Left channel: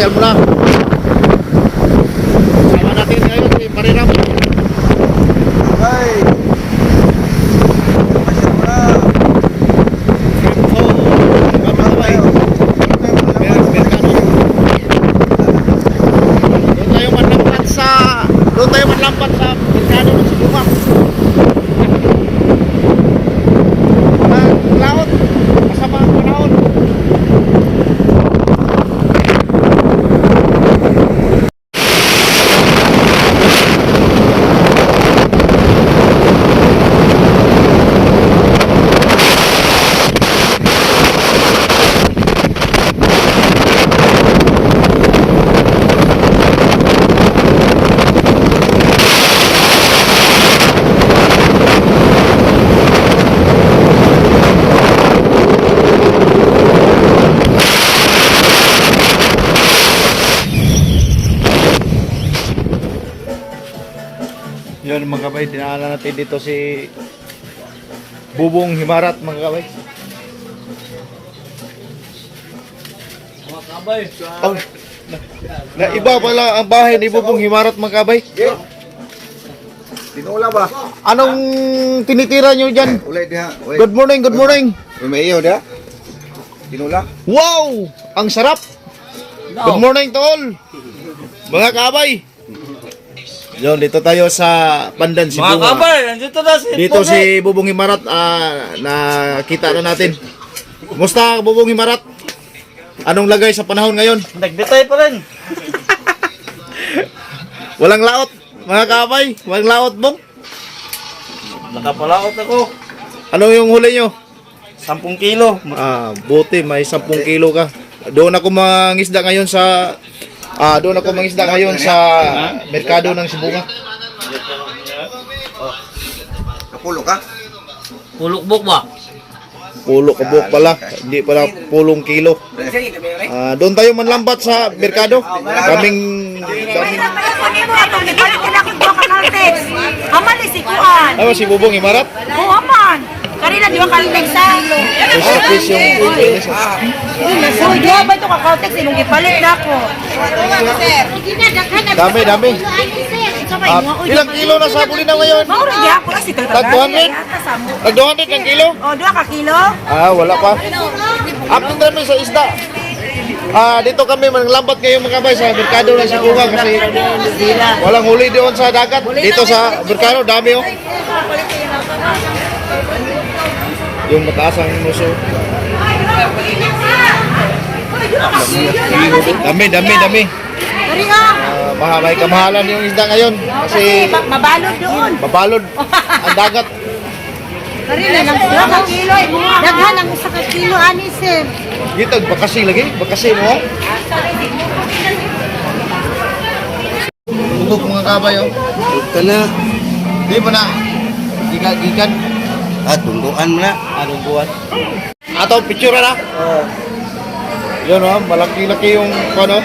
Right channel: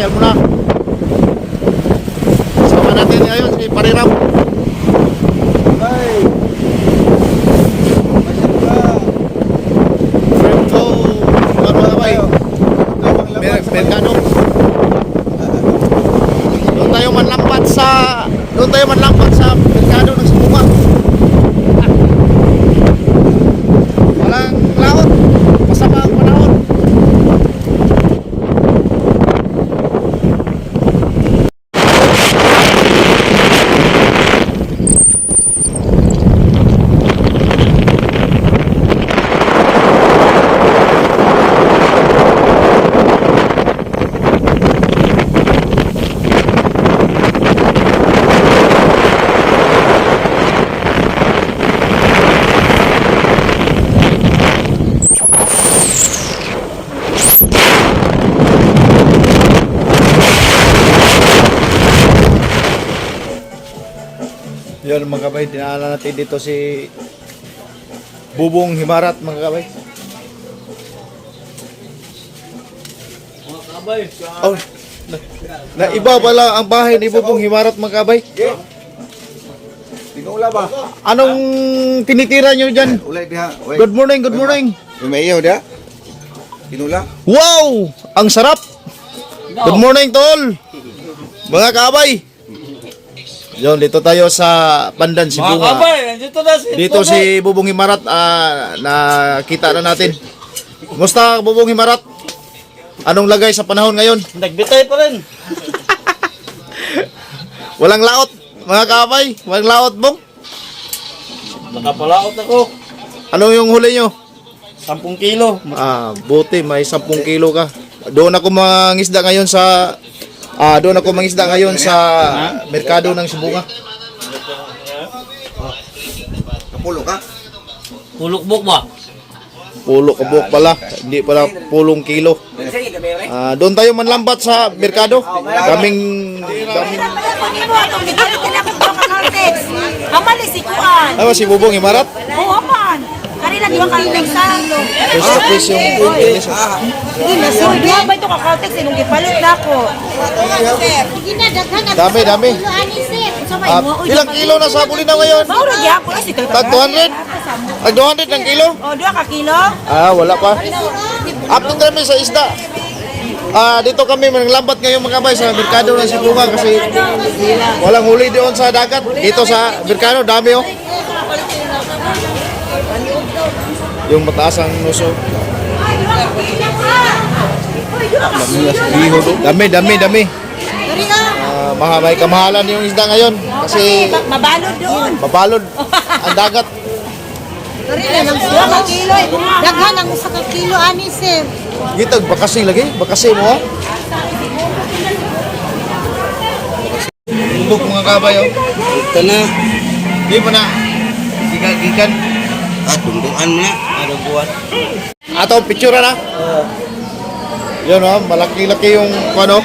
pasyal muna. Sama natin ngayon si. Bye. Eh? Mer- Mercado. Doon tayo manlampat sa Mercado ng Sibunga. Walang laot. Masama ang panahon. Yun mga kabay, dinala natin dito si Bubong Himarat mga kabay. Mga kabay, Oh, na, na iba pala ang bahay ni Bubong Himarat mga kabay. Tinula ba? Anong tinitira nyo dyan? Ulay diha. Good morning, good morning. May iyo dia. Tinula. Wow! Ang sarap! Good morning, tol! Mga kabay! Yun, dito tayo sa Pandan, Mga Sibunga. kabay, nandito na si Dito si Bubong Himarat, ah, nakita na natin. Musta, Bubong Himarat? Anong lagay sa panahon ngayon? Nagbitay pa rin. Walang laot, mga kabay. Walang laot, Bong. Nakapalaot ako. Ano yung huli nyo? 10 kilo. Ah, buti, may 10 kilo ka. Doon ako mangisda ngayon sa... Ah, doon ako mangisda ngayon sa merkado ng Sibunga. Kapulo ka? Hulukbok ba? Pulo kabuk pala, hindi pala pulong kilo. Ah, doon tayo manlambat sa merkado. Kaming kaming Kunin mo ako, nagpalit ka na ako sa Caltex. Haman ni si Kuan. ano si Bubong Imarat? Oo, haman. Karina, di ba Caltex sa kilo? First na first yung Hindi na, sir. Di ba ito ka Caltex? Inong gipalit na ako. Dami, dami. Ah, ilang kilo na sa na ngayon? Mauro, di ako. Tag 200? Tag 200 ng kilo? O, dua ka kilo? Ah, wala pa. Update kami sa isda. Ah, dito kami manlambat ngayon mga kabay sa merkado ng Sibunga kasi walang huli doon sa dagat. Dito sa merkado, dami oh. Yung mataas ang muso. Dami, dami, dami. Karina, Ah, maha- may kamahalan yung isda ngayon kasi ma- mabalod doon. mabalod ang dagat. Ka kilo. Daghan ang isa ka kilo, ani, sir. Gitag bakasi lagi, bakasi mo. oh. Bubog mga kabay oh. Ito na. Di mo na. Gikan, tunduan mo na. Anong buwan? Ato, picture na. Oo. Yan oh, malaki-laki yung ano,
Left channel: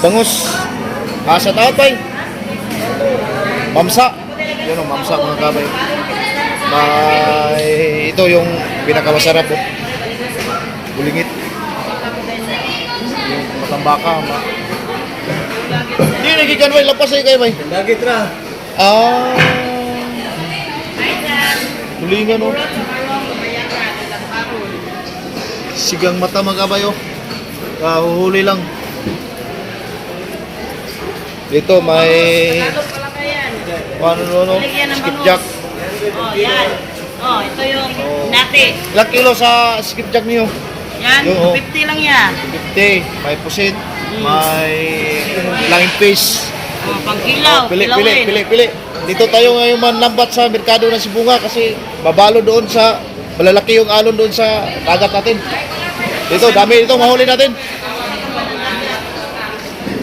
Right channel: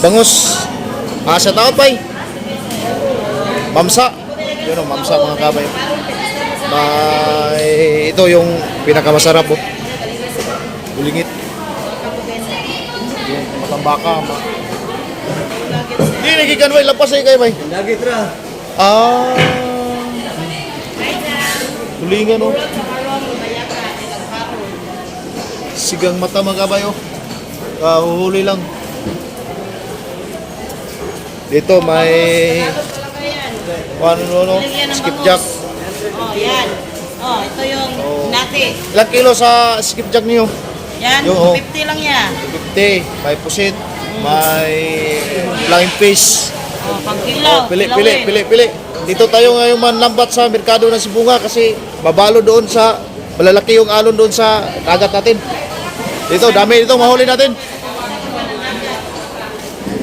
bangus. Ah, shout out pa Mamsa. Yan oh, mamsa mga kabay. May, ito yung pinakamasarap oh. Bulingit. Yung matambaka. Ma Hindi, nagikan bay. Lapas ay kayo bay. Lagi tra. Ah. Tulingan oh. Sigang mata mga kabayo. Ah, huhuli lang. Dito may ano ano, skipjack. Oh, yan. Oh, ito yung Oh. nati. Ilang kilo sa skipjack niyo? Yan, Yung, oh. 50 lang yan. 50. May pusit. May flying fish. Oh, pang kilaw. Oh, pili, pili, kilawin. pili, pili. Dito tayo ngayon manlambat sa merkado ng Sibunga kasi babalo doon sa malalaki yung alon doon sa dagat natin. Dito, dami dito, mahuli natin.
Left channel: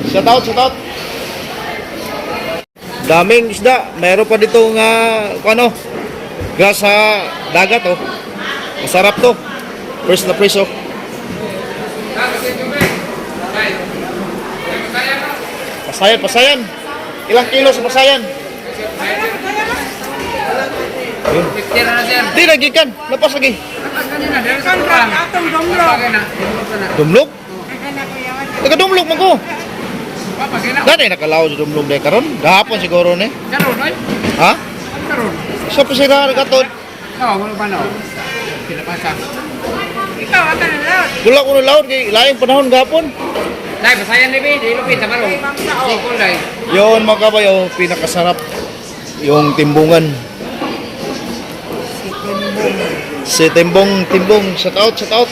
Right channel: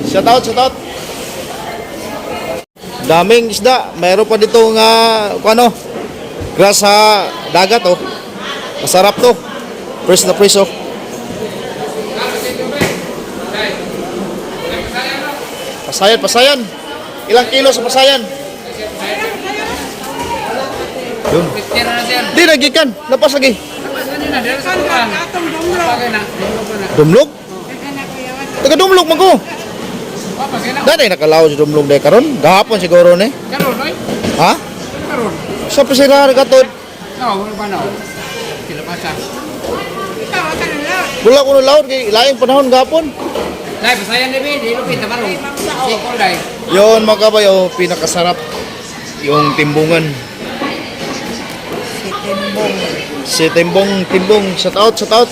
Shout out, shout out. Daming isda. Meron pa dito nga, kung ano, grass sa dagat, oh. Masarap to. Fresh na fresh, oh. Pasayan, pasayan. Ilang kilo sa pasayan? Yun. Di lagi kan, lepas lagi. Dumlog? Taga dumlog man ko. Dati nakalaw si Dumlong de karon. Gahapon siguro ni. Karon, oy. Ha? Karon. Sa pisina ka katod. No, wala pa no. Sila pa sa. Ikaw, ata na lang. Dula ko laod kay lain panahon gahapon. Dai, basayan ni Bi, di lupit na Kulay. Yon mga kabayo, pinakasarap yung timbungan. Si Timbong, Timbong, shout out, shout out.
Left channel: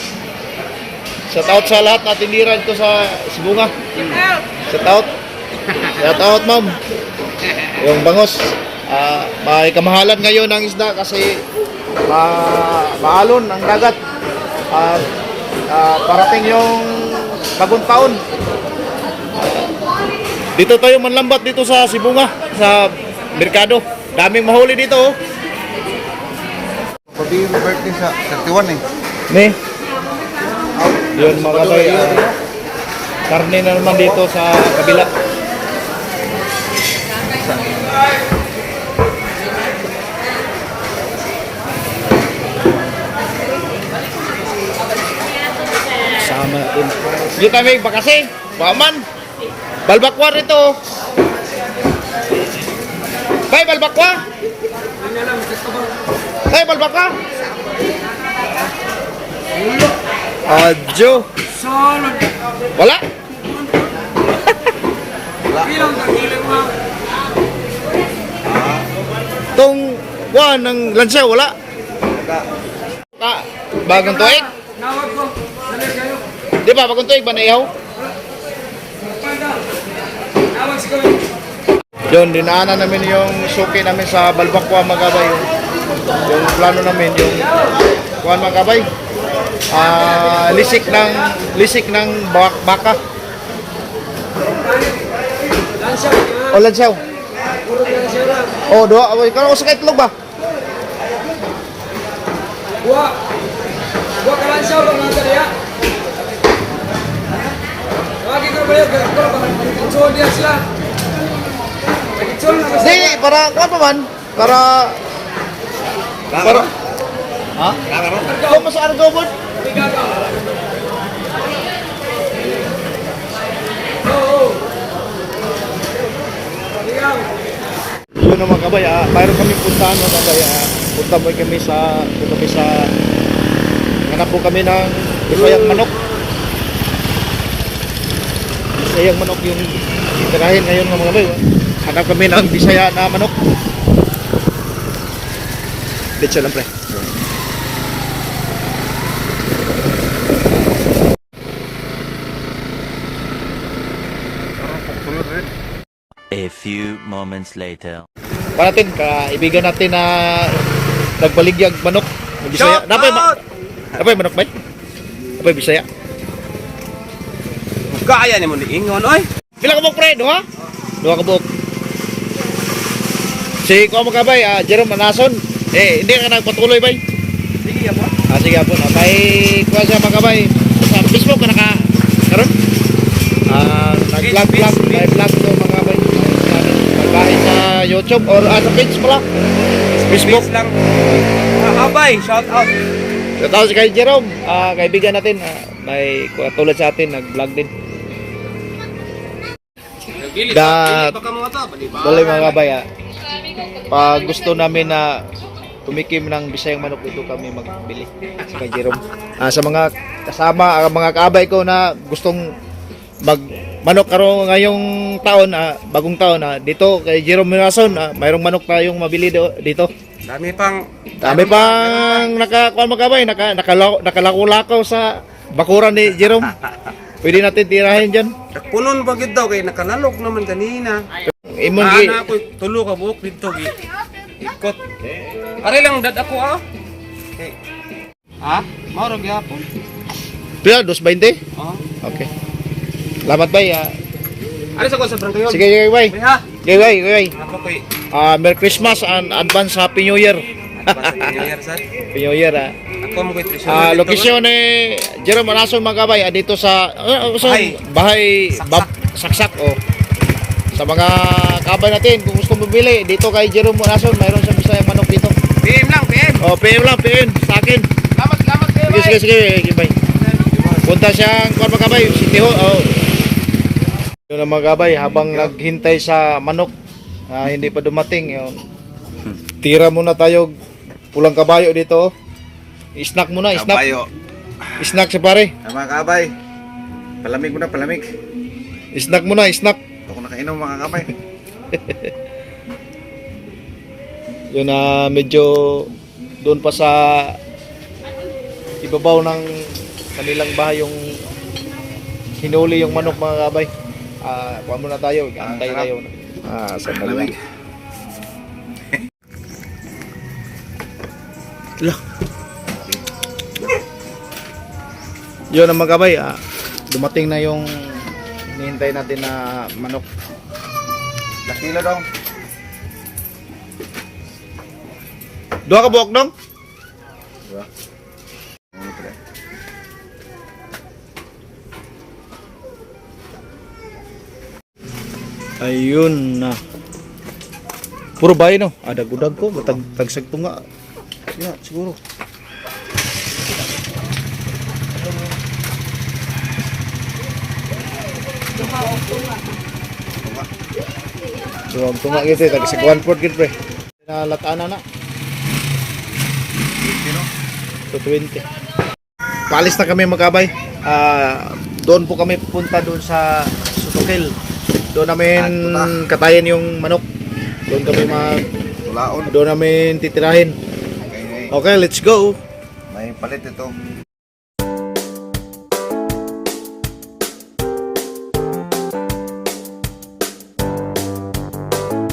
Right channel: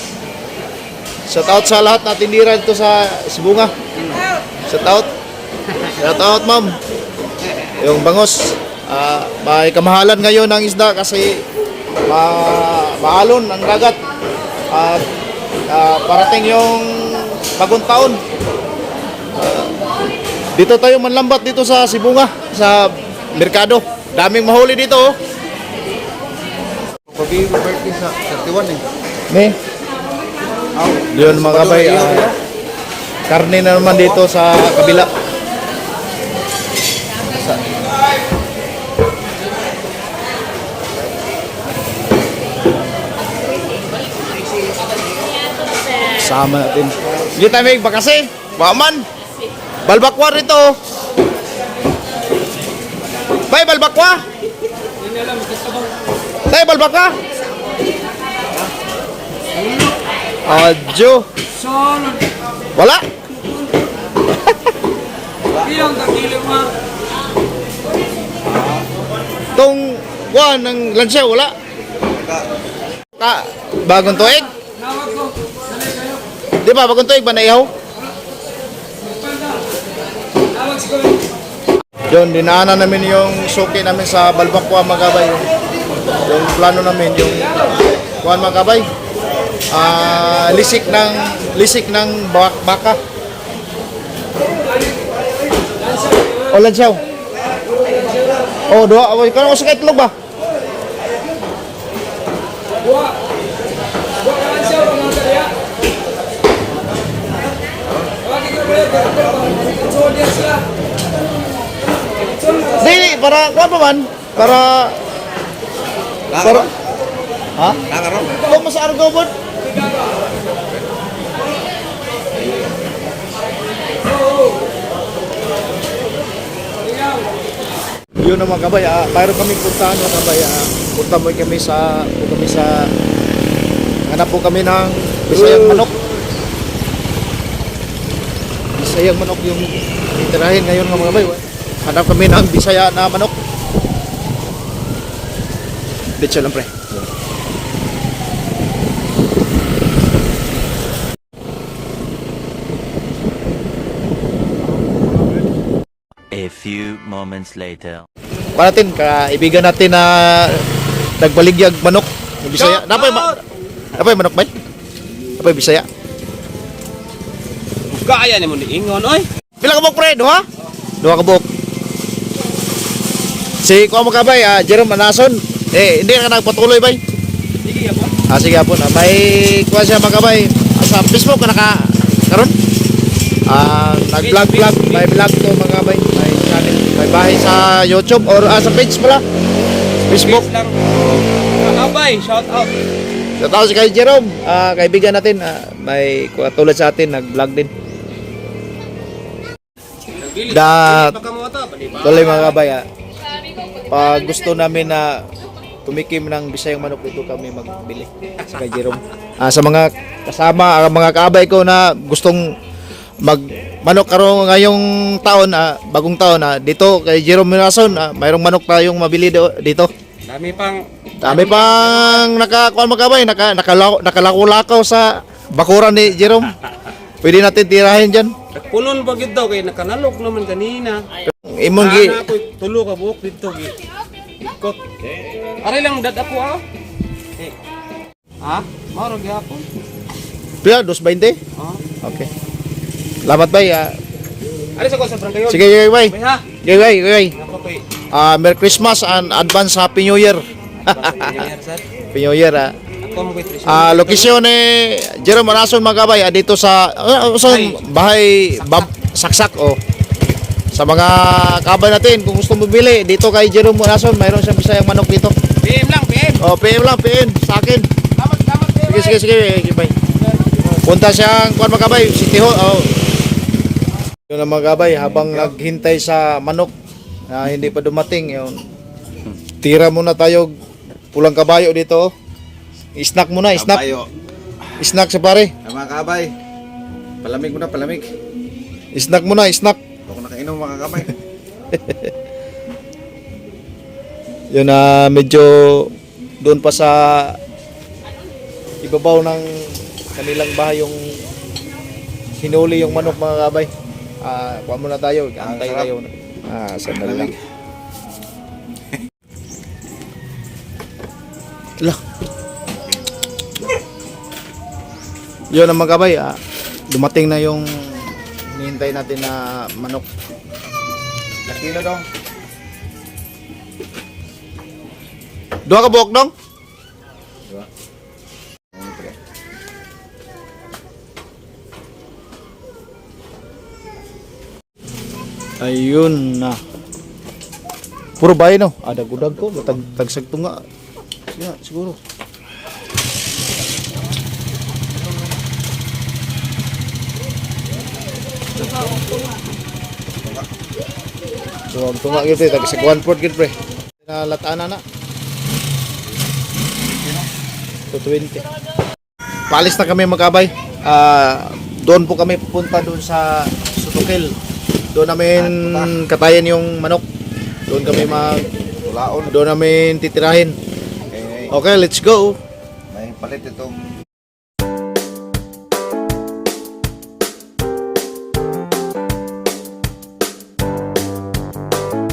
Shout out sa lahat na tindira dito sa Sibunga. Shout out. Shout out, ma'am. Yung bangos, ah, may kamahalan ngayon ng isda kasi ma maalon ang dagat. At ah, parating yung bagong taon. Dito tayo manlambat dito sa Sibunga, sa Merkado. Daming mahuli dito, oh. Pabi birthday sa 31 eh. Ne. Yun mga kabay, ah, karne na naman dito sa kabila. Sama natin. Sige tayo may bakasi. Baman. Balbakwa rito. Bay, balbakwa. Tay, balbakwa. Adjo. Solod. Wala. Iyong kakilig mo. Tong kuan ng lansya wala. Ta, bagong tuig. Nawag ko. Dali kayo. Di ba bagong tuig ba naihaw? Panda. Nawag. Yun, dinaanan namin yung suki namin sa Balbakwa Magabay. Yung, yung plano namin, yung kuan Magabay. Ah, lisik ng lisik ng bak- baka. O lansyaw. O, doa. O, ikaw ako sa kaitlog ba? Buwa. Buwa ka lang siya, mga kariya. Wagi ko na ba yun? Pero ba? Kutsol niya sila. Di, para kuan pa man. Para... Para... Ha? Ikaw mas argo po. Yun naman kabay, ah, mayroon kami puntahan mga kabay. Ah, punta mo kami sa, punta kami sa, hanap po kami ng Bisayang manok. Bisayang manok yung tirahin ngayon mga kabay. Hanap kami ng Bisaya na manok. Bitsa lang pre. A few moments later. Pa natin, kaibigan natin na nagbaligyag manok. Bisaya. Napay ma Napay manok ba? Napay Bisaya. Kaya ni mo ni ingon oy. Pila ka buk pre? Duha? Duha ka buk. Si Kuya Magkabay, ah, Jerome Manason. Eh, hindi ka nagpatuloy bay. Sige po. Ah, sige po. Ah, may kuha siya Magkabay. Ah, sa Facebook ka naka karon. Ah, nag-vlog vlog, may vlog ko Magkabay. May channel. May bahay sa YouTube or ah, sa page pala. Facebook. Peace lang. Ah, abay, shout out. Shout si kay Jerome, ah, kaibigan natin, ah, may kuha tulad sa atin, nag-vlog din. Da, tuloy mga kabay, ah. pag gusto namin na tumikim ng bisayang manok dito kami magbili sa kay Jerome. Ah, sa mga kasama, ah, mga kaabay ko na gustong mag manok karon ngayong taon, ah, bagong taon, ah, dito kay Jerome Mirason, ah, mayroong manok tayong mabili do- dito. Dami pang Dami pang naka kuan magkabay, naka nakalako-lakaw sa bakuran ni Jerome. Pwede natin tirahin diyan. punon ba gid daw kay nakanalok naman kanina. Imong gi Ana ko tulo ka buok dito gi. Ikot. Pare lang dad ako ah. Eh. Ha? Maro gyapon. pila 220. Oh. Okay. Salamat bay. ah. Ano sa ko sa Brancayon? Sige, bay. May ha. Bay, sige, bay. Ako koy. Ah, Merry Christmas and advance Happy New Year. Basta year sa. Happy New Year. Ah, Ako mo koy presyo. Ah, lokasyon ni Jerome Manason magkabay ah, dito sa ah, so, Bahay. bahay bab, saksak oh. Sa mga kabay natin, kung gusto mo bili, dito kay Jerome Manason, mayroon siyang bisayang manok dito. PM lang, PM. Oh, PM lang, PM sa akin. Salamat, salamat. PM. Sige, sige, sige, sige, bye. Punta siyang kuan magkabay, City Hall. Oh, Yun ang mga gabay, habang naghintay sa manok na hindi pa dumating, yun. Tira muna tayo pulang kabayo dito. Snack muna, snack. Kabayo. Snack sa pare. Mga kabay. Palamig mo na, palamig. Snack muna, snack. Nakainom mga kabay. Yun na medyo doon pa sa ibabaw ng kanilang bahay yung hinuli yung manok mga kabay. Ah, kuha muna tayo, antay tayo. Ah, sandali lang. Lah. Yun ang mga kabay, ah, dumating na yung hinihintay natin na manok. Nakilo dong. Dua ka buhok dong? Ano pre? Ayun na. Puro bahay no. Ada gudag ko, tag tagsag tunga. Ya, siguro. Tunga tunga gitu tag sa port gitu pre. Na latana na. 220. Paalis na kami magkabay. Ah, doon po kami pupunta doon sa Sutukil. Doon namin katayan yung manok. Doon kami mag doon namin titirahin. Okay, let's go. May palit ito.